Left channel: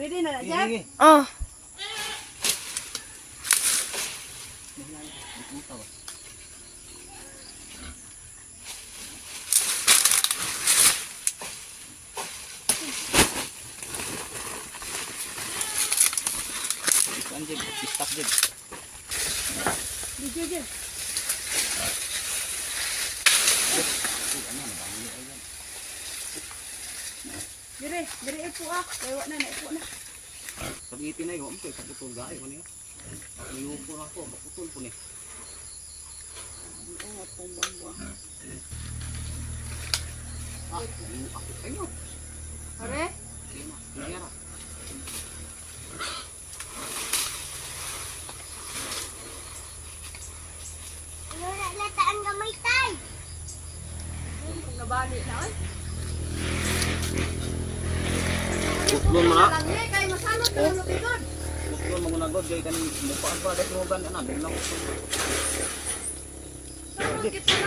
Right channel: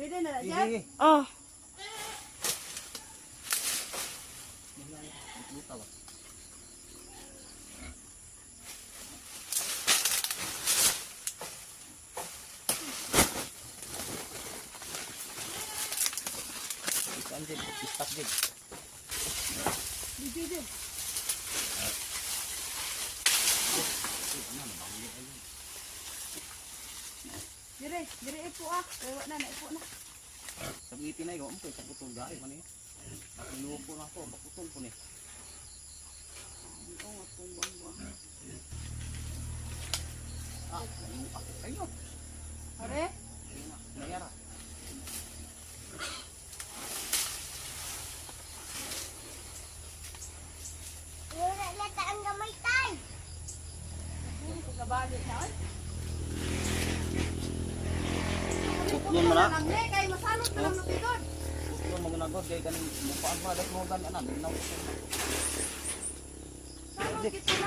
na na dyan. Oh. Puta ba? Kuan Jib, istak Dire, dire ipo ah. Kaya na, naipo na. Sabitin na yun, kay kaputol gayo ko niyo. Nakaliupo na ako, kaputol ko ni. Oo, atong buwan-buwan. Ah, layo ako kayo. Are? Sige na, nangyara. Wala na taan gamay tay. Nabali na, oy. Ng lupikon. Putlon mo na god, kay kanin mukhaan pa, mo ba na, dahil na. Salot kita na, kay